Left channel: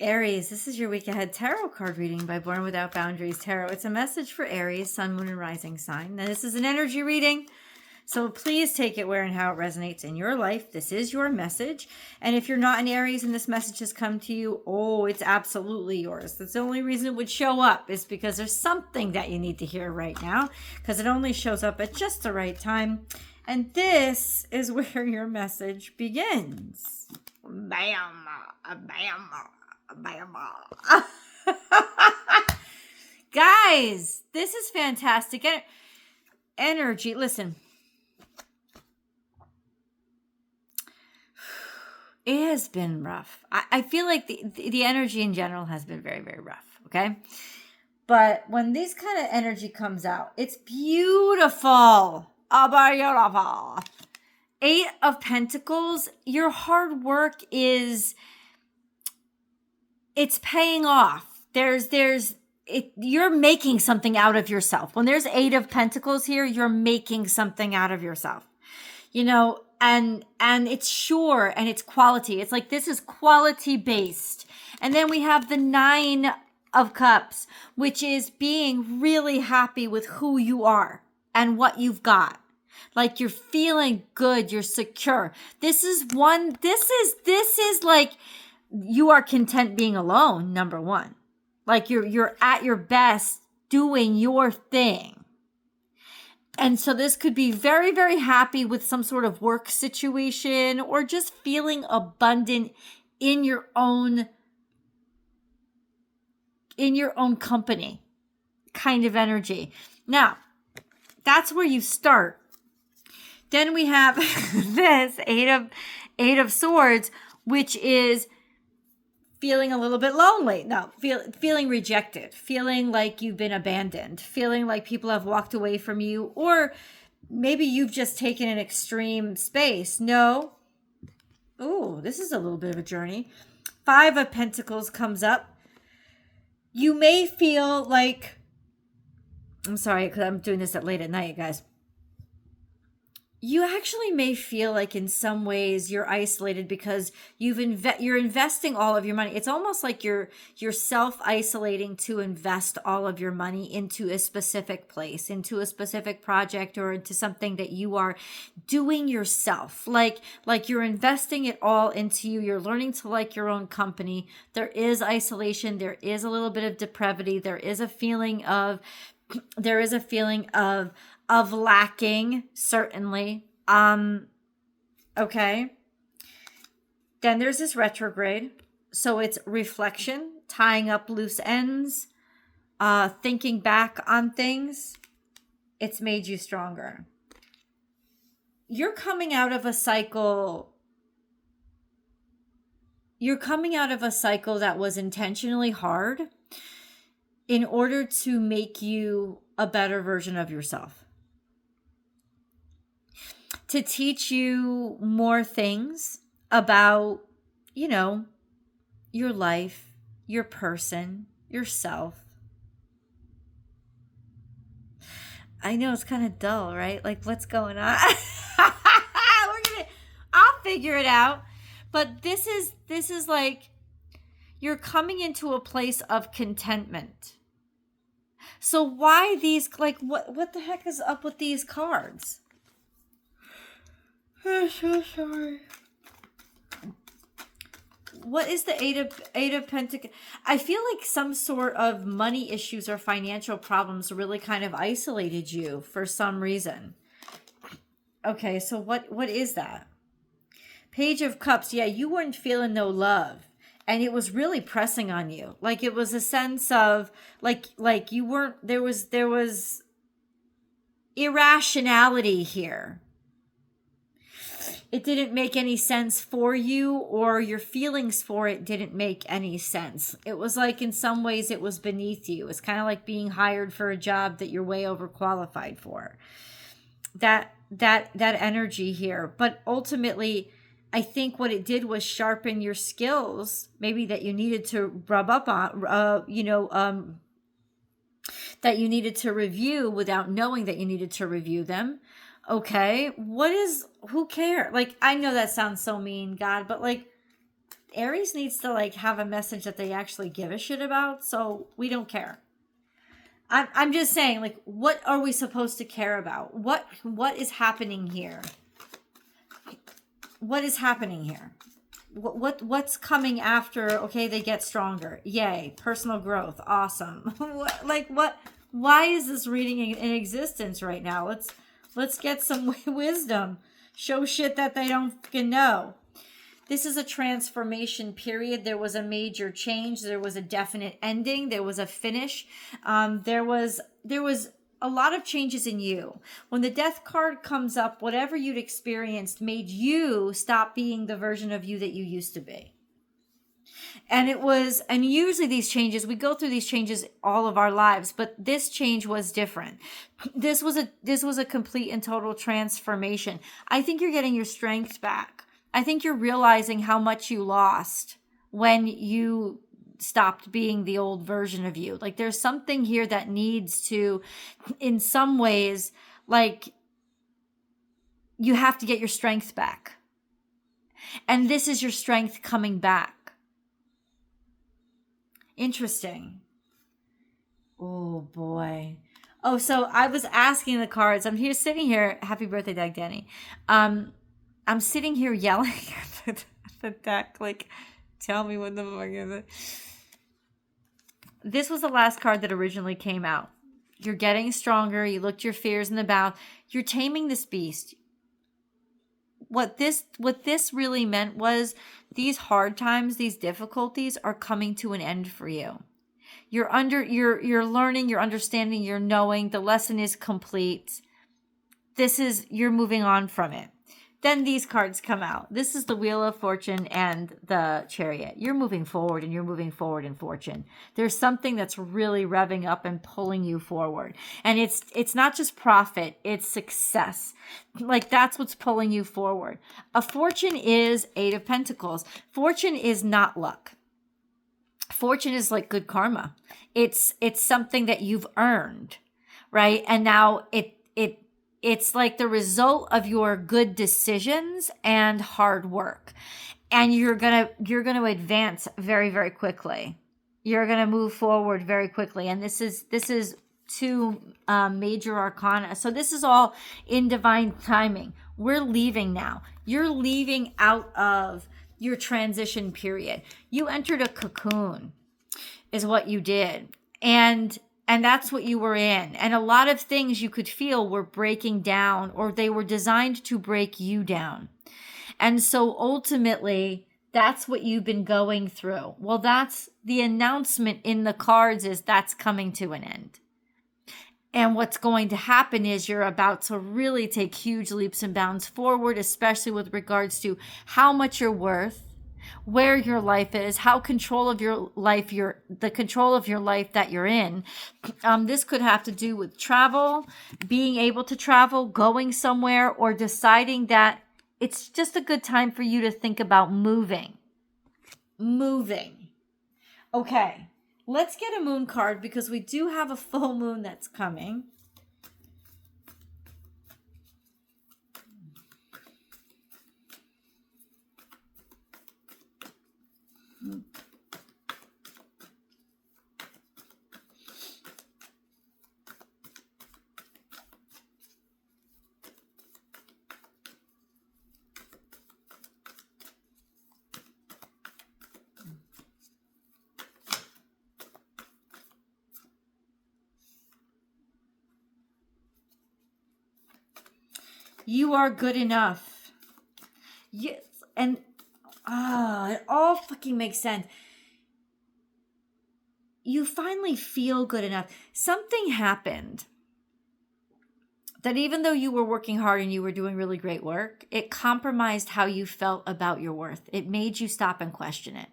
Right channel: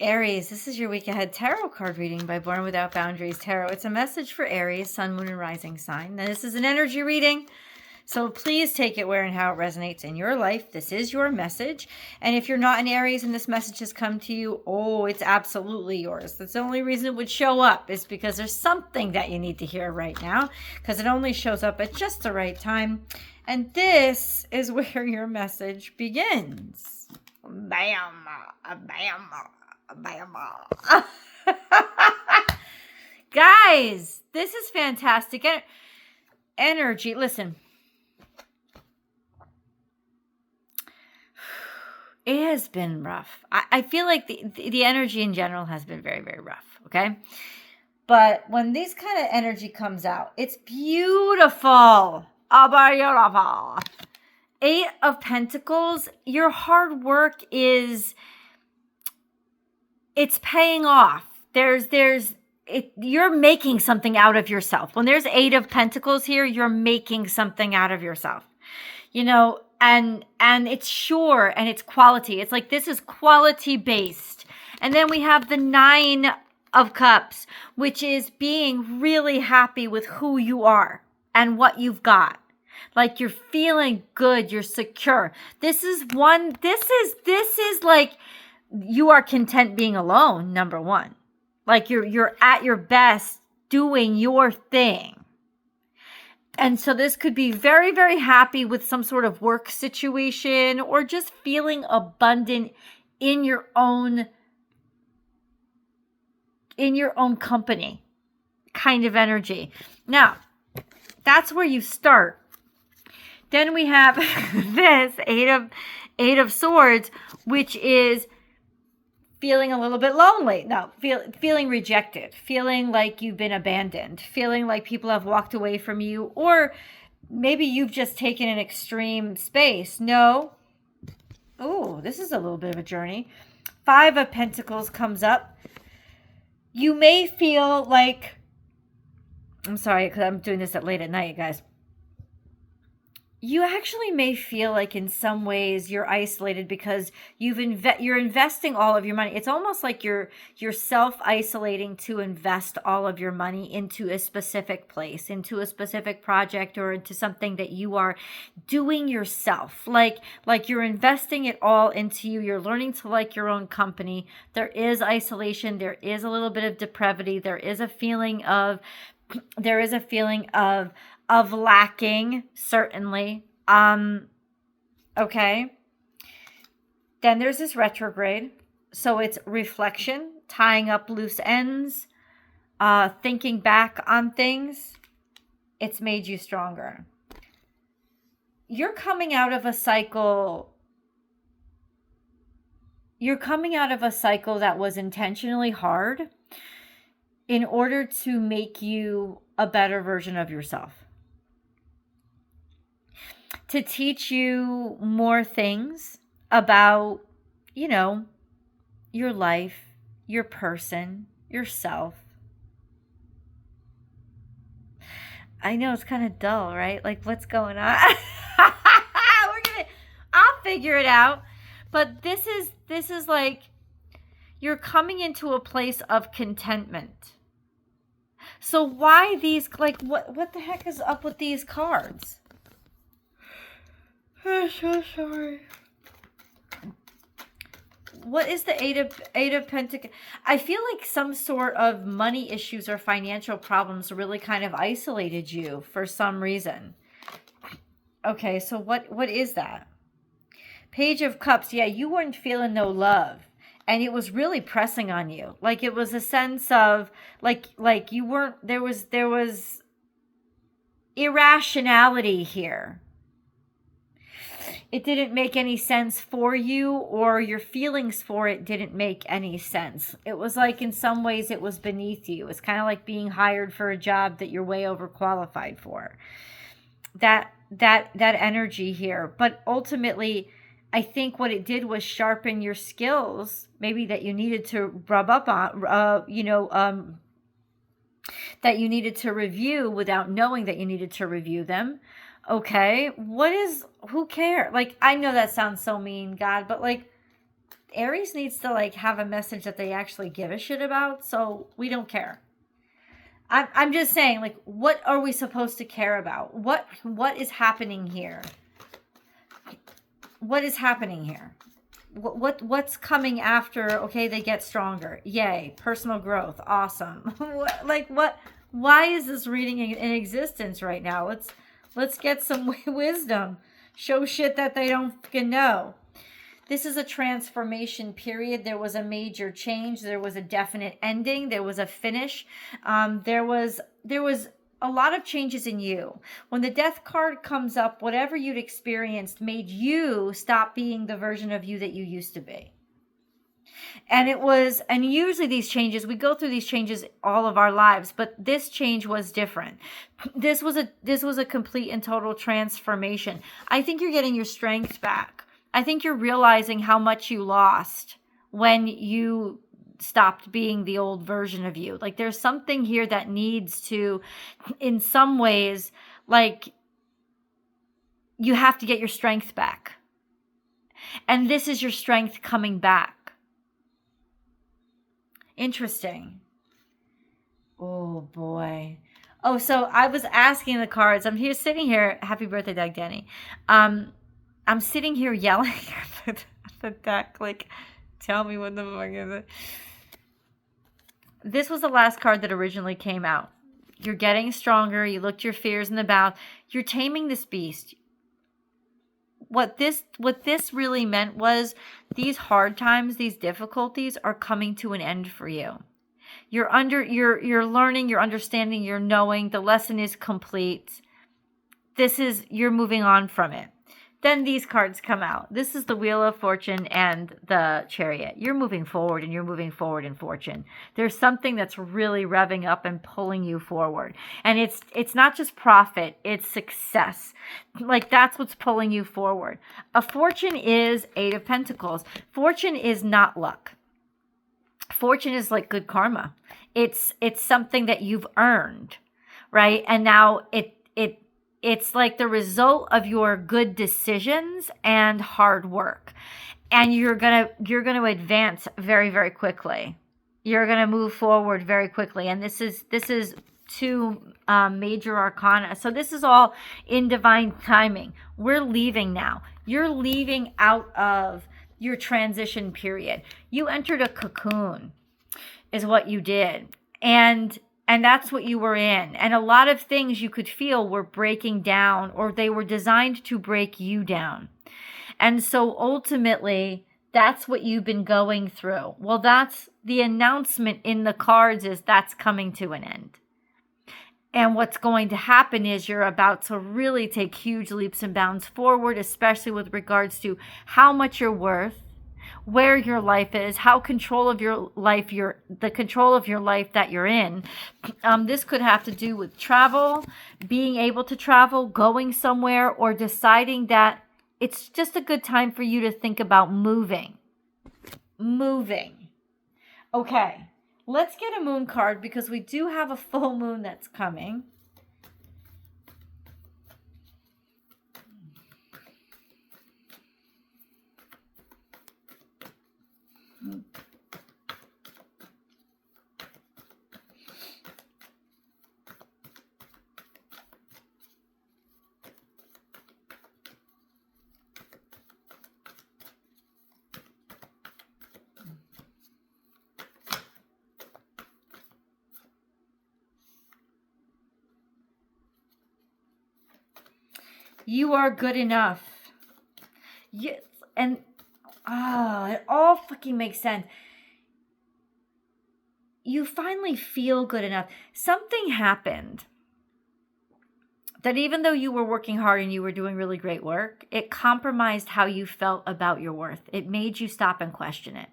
Aries, this is your week ahead tarot card reading by Born Without Boundaries Tarot. It's a message for Aries, Sun, Moon, and Rising sign. Now, this is an energy reading, so please take it where and how it resonates in your life. This is your message. And if you're not an Aries and this message has come to you, oh, it's absolutely yours. That's the only reason it would show up, is because there's something that you need to hear right now, because it only shows up at just the right time. And this is where your message begins. Bam, bam. Guys, this is fantastic energy. Listen, it has been rough. I feel like the energy in general has been very, very rough. Okay, but when this kind of energy comes out, it's beautiful. Beautiful. 8 of Pentacles. Your hard work is, it's paying off. You're making something out of yourself. When there's 8 of Pentacles here, you're making something out of yourself. You know, and it's sure, and it's quality. It's like, this is quality based. And then we have the 9 of Cups, which is being really happy with who you are and what you've got. Like, you're feeling good, you're secure. This is like, you are content being alone, number one. Like, you're at your best doing your thing. And so this could be very, very happy with some sort of work situation, or just feeling abundant in your own company kind of energy. Now, that's where you start. Then we have this 8 of Swords, which is feeling a little bit lonely. No, feeling rejected, feeling like you've been abandoned, feeling like people have walked away from you, or maybe you've just taken an extreme space. No. Oh, this is a little bit of a journey. 5 of Pentacles comes up. You may feel like, I'm sorry, because I'm doing this at late at night, guys. You actually may feel like in some ways you're isolated because you're investing all of your money. It's almost like you're self-isolating to invest all of your money into a specific place, into a specific project, or into something that you are doing yourself. Like you're investing it all into you. You're learning to like your own company. There is isolation. There is a little bit of depravity. There is a feeling of lacking, certainly. Okay. Then there's this retrograde. So it's reflection, tying up loose ends, thinking back on things. It's made you stronger. You're coming out of a cycle. You're coming out of a cycle that was intentionally hard in order to make you a better version of yourself. To teach you more things about, your life, your person, yourself. I know it's kind of dull, right? Like, what's going on? I'll figure it out. But this is like, you're coming into a place of contentment. So why these, like, what the heck is up with these cards? I'm so sorry. What is the 8 of Pentacles? I feel like some sort of money issues or financial problems really kind of isolated you for some reason. Okay, so what is that? Page of Cups. Yeah, you weren't feeling no love. And it was really pressing on you. Like, it was a sense of like you weren't, there was irrationality here. It didn't make any sense for you, or your feelings for it didn't make any sense. It was like, in some ways, it was beneath you. It's kind of like being hired for a job that you're way overqualified for. That energy here. But ultimately, I think what it did was sharpen your skills, maybe that you needed to rub up on, that you needed to review without knowing that you needed to review them. Okay, who cares? Like, I know that sounds so mean, God, but like, Aries needs to like have a message that they actually give a shit about, so we don't care. I'm just saying, like, what are we supposed to care about? What is happening here? What is happening here? What's coming after? Okay, they get stronger. Yay, personal growth. Awesome. What? Why is this reading in existence right now? Let's get some wisdom. Show shit that they don't fucking know. This is a transformation period. There was a major change. There was a definite ending. There was a finish. There was a lot of changes in you. When the death card comes up, whatever you'd experienced made you stop being the version of you that you used to be. And usually these changes, we go through these changes all of our lives, but this change was different. This was a complete and total transformation. I think you're getting your strength back. I think you're realizing how much you lost when you stopped being the old version of you. Like, there's something here that needs to, in some ways, like, you have to get your strength back. And this is your strength coming back. Interesting. Oh, boy. Oh, so I was asking the cards. I'm here sitting here. Happy birthday, Dag Danny. I'm sitting here yelling at the deck, like, tell me what the fuck is it? This was the last card that originally came out. You're getting stronger. You looked your fears in the mouth. You're taming this beast. What this really meant was these hard times, these difficulties are coming to an end for you. You're learning, you're understanding, you're knowing. The lesson is complete. You're moving on from it. Then these cards come out. This is the Wheel of Fortune and the Chariot. You're moving forward, and you're moving forward in fortune. There's something that's really revving up and pulling you forward. And it's not just profit, it's success. Like, that's what's pulling you forward. A fortune is 8 of Pentacles. Fortune is not luck. Fortune is like good karma. It's something that you've earned, right? And now it's like the result of your good decisions and hard work. And you're going to advance very, very quickly. You're going to move forward very quickly. And this is 2 major arcana. So this is all in divine timing. We're leaving now. You're leaving out of your transition period. You entered a cocoon is what you did. And that's what you were in. And a lot of things you could feel were breaking down, or they were designed to break you down. And so ultimately, that's what you've been going through. Well, that's the announcement in the cards, is that's coming to an end. And what's going to happen is you're about to really take huge leaps and bounds forward, especially with regards to how much you're worth, where your life is, the control of your life that you're in. This could have to do with travel, being able to travel, going somewhere, or deciding that it's just a good time for you to think about moving. Okay, let's get a moon card, because we do have a full moon that's coming. You are good enough. Yes, and it all fucking makes sense. You finally feel good enough. Something happened that, even though you were working hard and you were doing really great work, it compromised how you felt about your worth. It made you stop and question it,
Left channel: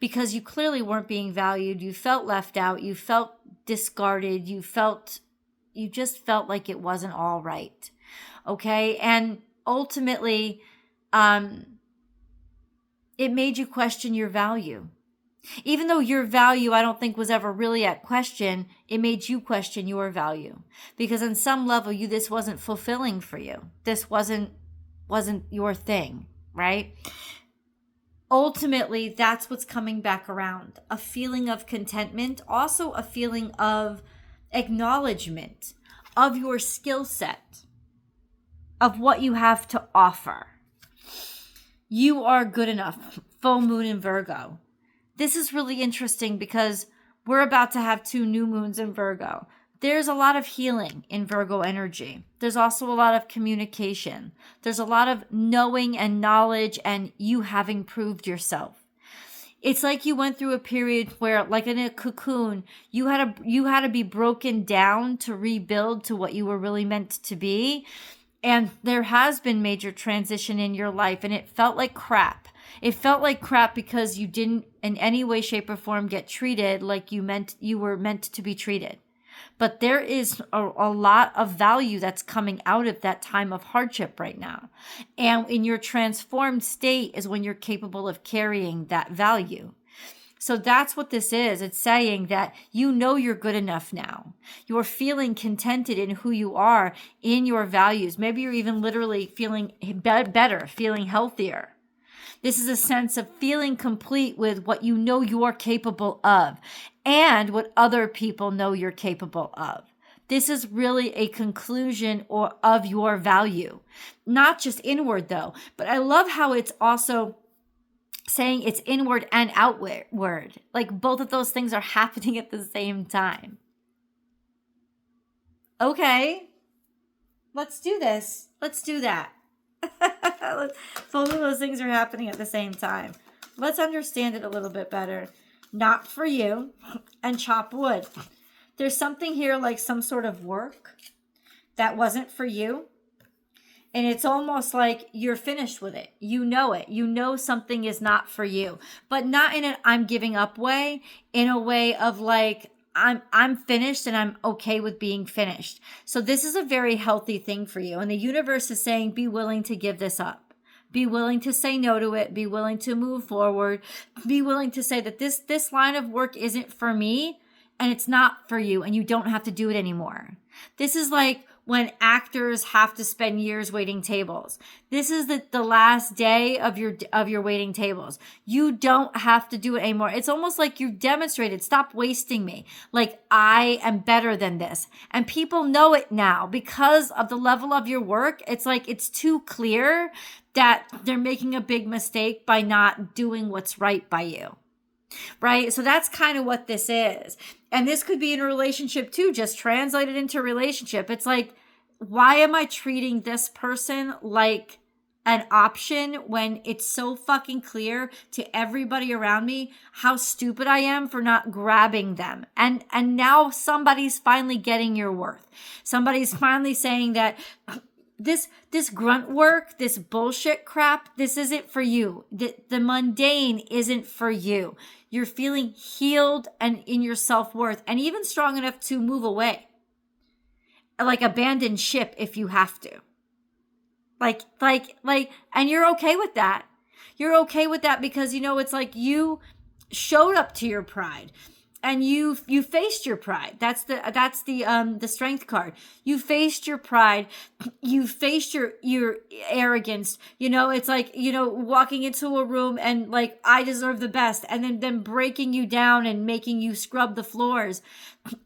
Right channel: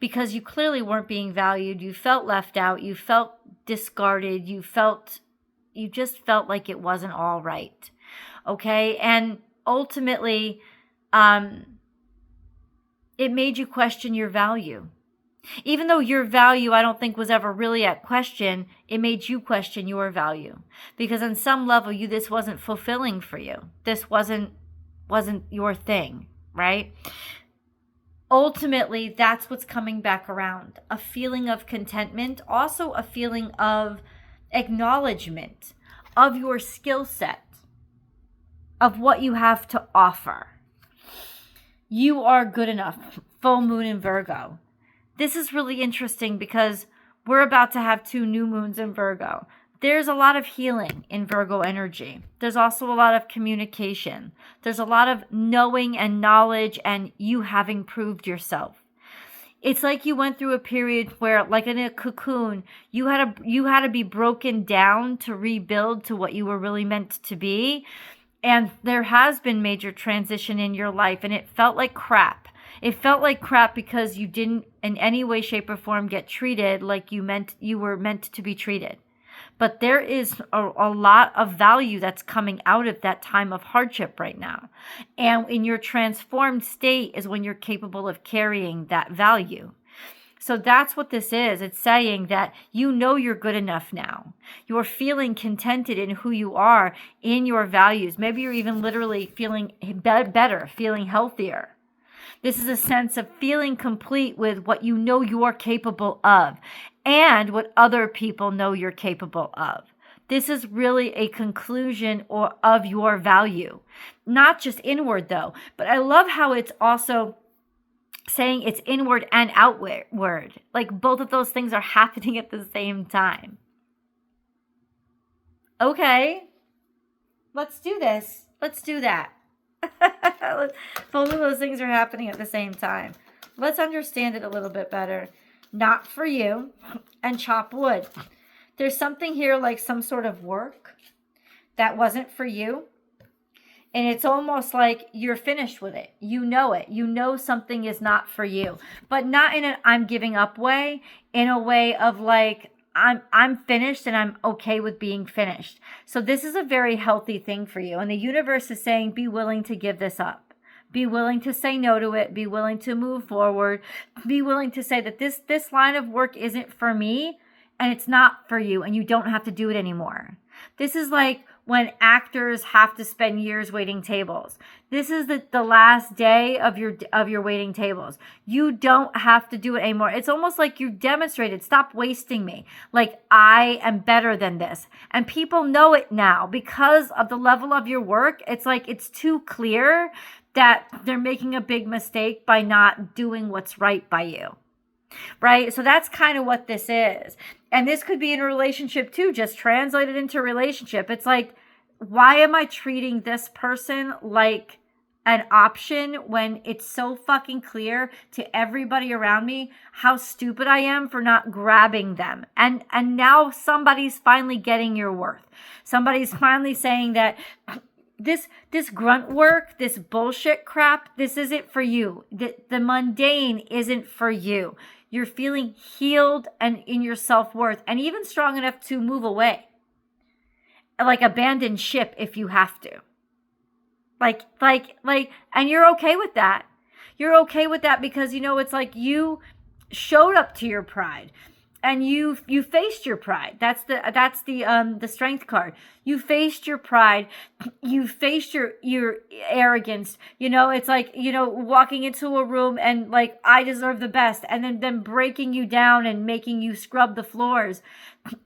because you clearly weren't being valued. You felt left out. You felt discarded. You just felt like it wasn't all right. Okay. And ultimately, it made you question your value. Even though your value, I don't think, was ever really at question, it made you question your value. Because on some level, this wasn't fulfilling for you. This wasn't your thing, right? ultimately, that's what's coming back around. A feeling of contentment, also a feeling of acknowledgement of your skill set, of what you have to offer. You are good enough. Full moon in Virgo. This is really interesting because we're about to have 2 new moons in Virgo. There's a lot of healing in Virgo energy. There's also a lot of communication. There's a lot of knowing and knowledge and you having proved yourself. It's like you went through a period where, like in a cocoon, you had to be broken down to rebuild to what you were really meant to be. And there has been major transition in your life and it felt like crap. It felt like crap because you didn't in any way, shape, or form get treated like you were meant to be treated. But there is a lot of value that's coming out of that time of hardship right now. And in your transformed state is when you're capable of carrying that value. So that's what this is. It's saying that you know you're good enough now. You're feeling contented in who you are, in your values. Maybe you're even literally feeling better, feeling healthier. This is a sense of feeling complete with what you know you're capable of and what other people know you're capable of. This is really a conclusion of your value. Not just inward though, but I love how it's also saying it's inward and outward. Like both of those things are happening at the same time. Okay, let's do this. Let's do that. Both of those things are happening at the same time. Let's understand it a little bit better. Not for you. And chop wood. There's something here like some sort of work that wasn't for you. And it's almost like you're finished with it. You know it. You know something is not for you. But not in an I'm giving up way. In a way of like, I'm finished and I'm okay with being finished. So this is a very healthy thing for you. And the universe is saying, be willing to give this up. Be willing to say no to it. Be willing to move forward. Be willing to say that this line of work isn't for me and it's not for you and you don't have to do it anymore. This is like when actors have to spend years waiting tables. This is the last day of your waiting tables. You don't have to do it anymore. It's almost like you demonstrated, stop wasting me. Like I am better than this. And people know it now because of the level of your work. It's like it's too clear that they're making a big mistake by not doing what's right by you. Right? So that's kind of what this is. And this could be in a relationship too, just translated into relationship. It's like, why am I treating this person like an option when it's so fucking clear to everybody around me how stupid I am for not grabbing them? And now somebody's finally getting your worth. Somebody's finally saying that this grunt work, this bullshit crap, this isn't for you. The mundane isn't for you. You're feeling healed and in your self-worth and even strong enough to move away. Like abandon ship if you have to. Like, and you're okay with that. You're okay with that because, you know, it's like you showed up to your pride. And you faced your pride. That's the strength card. You faced your pride. You faced your arrogance. You know, it's like, you know, walking into a room and like, I deserve the best. And then them breaking you down and making you scrub the floors.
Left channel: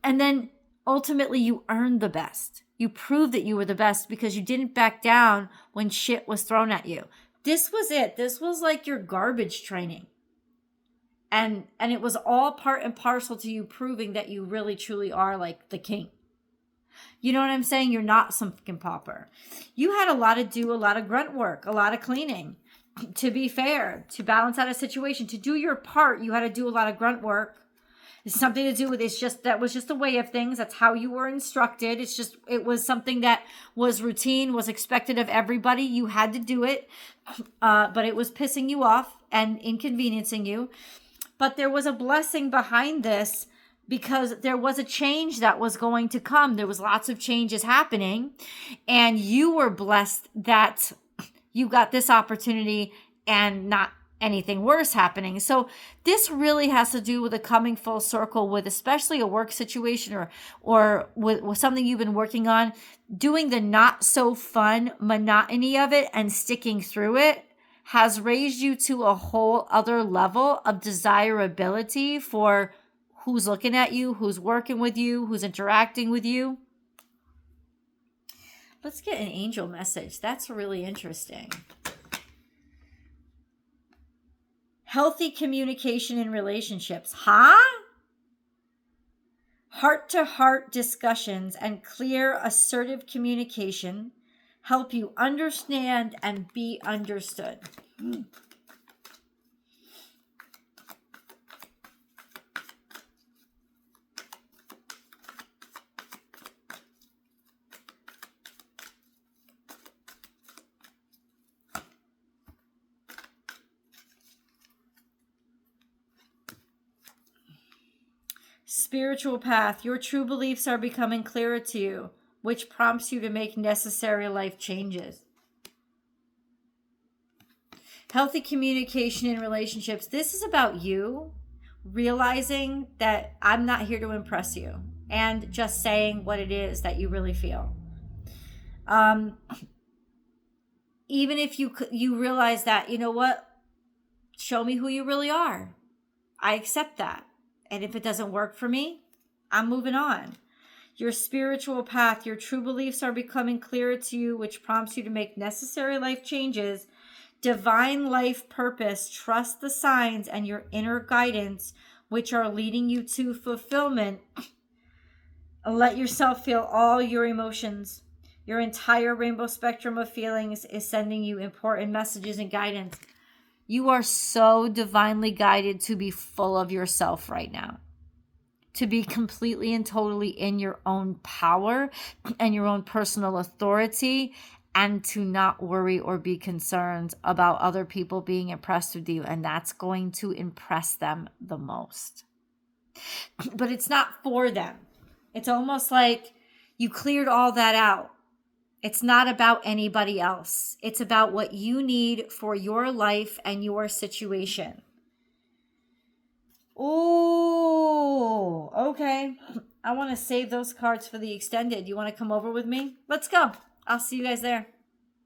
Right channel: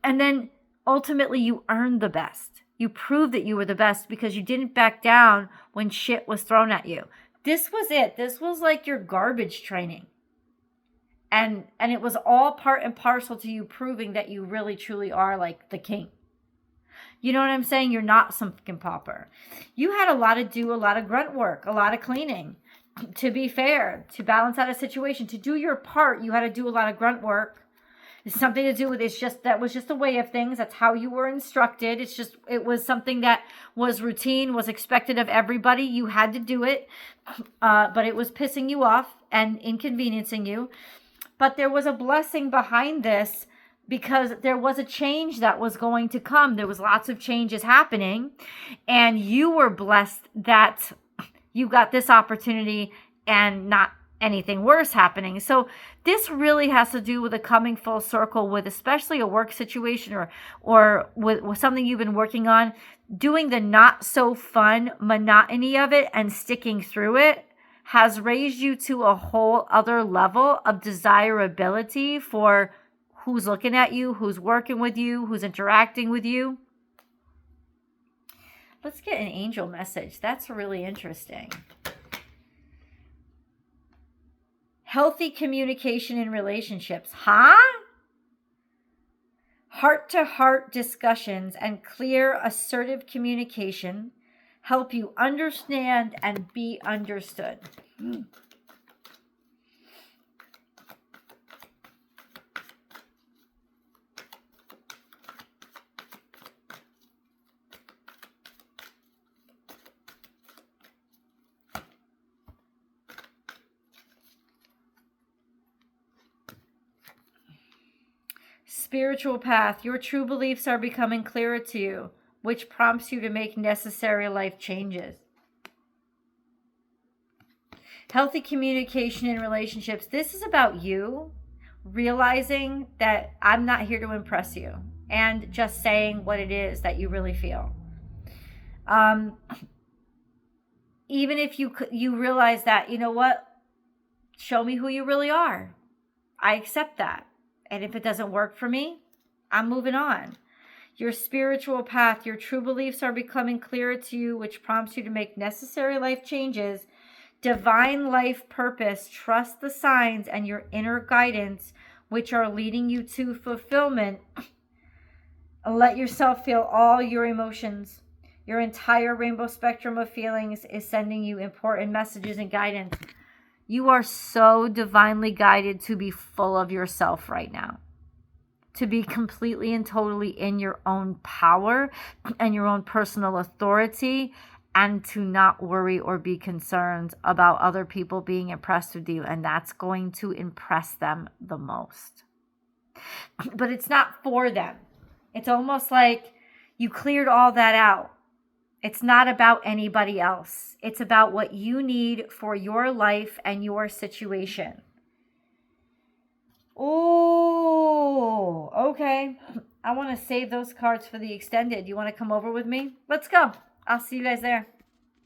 And then ultimately you earned the best. You proved that you were the best because you didn't back down when shit was thrown at you. This was it. This was like your garbage training. And it was all part and parcel to you proving that you really truly are like the king. You know what I'm saying? You're not some fucking pauper. You had a lot of grunt work, a lot of cleaning. To be fair, to balance out a situation, to do your part, you had to do a lot of grunt work. It's something to do with that was just a way of things. That's how you were instructed. It was something that was routine, was expected of everybody. You had to do it, but it was pissing you off and inconveniencing you. But there was a blessing behind this because there was a change that was going to come. There was lots of changes happening, and you were blessed that you got this opportunity and not anything worse happening. So this really has to do with a coming full circle with especially a work situation or with something you've been working on, doing the not so fun monotony of it and sticking through it has raised you to a whole other level of desirability for who's looking at you, who's working with you, who's interacting with you. Let's get an angel message. That's really interesting. Healthy communication in relationships. Huh? Heart-to-heart discussions and clear, assertive communication help you understand and be understood. Spiritual path. Your true beliefs are becoming clearer to you, which prompts you to make necessary life changes. Healthy communication in relationships. This is about you realizing that I'm not here to impress you and just saying what it is that you really feel. Even if you realize that, you know what? Show me who you really are. I accept that. And if it doesn't work for me, I'm moving on. Your spiritual path, your true beliefs are becoming clearer to you, which prompts you to make necessary life changes. Divine life purpose, trust the signs and your inner guidance, which are leading you to fulfillment. Let yourself feel all your emotions. Your entire rainbow spectrum of feelings is sending you important messages and guidance. You are so divinely guided to be full of yourself right now. To be completely and totally in your own power and your own personal authority, and to not worry or be concerned about other people being impressed with you. And that's going to impress them the most. But it's not for them. It's almost like you cleared all that out. It's not about anybody else. It's about what you need for your life and your situation. Oh, okay. I want to save those cards for the extended. You want to come over with me? Let's go. I'll see you guys there.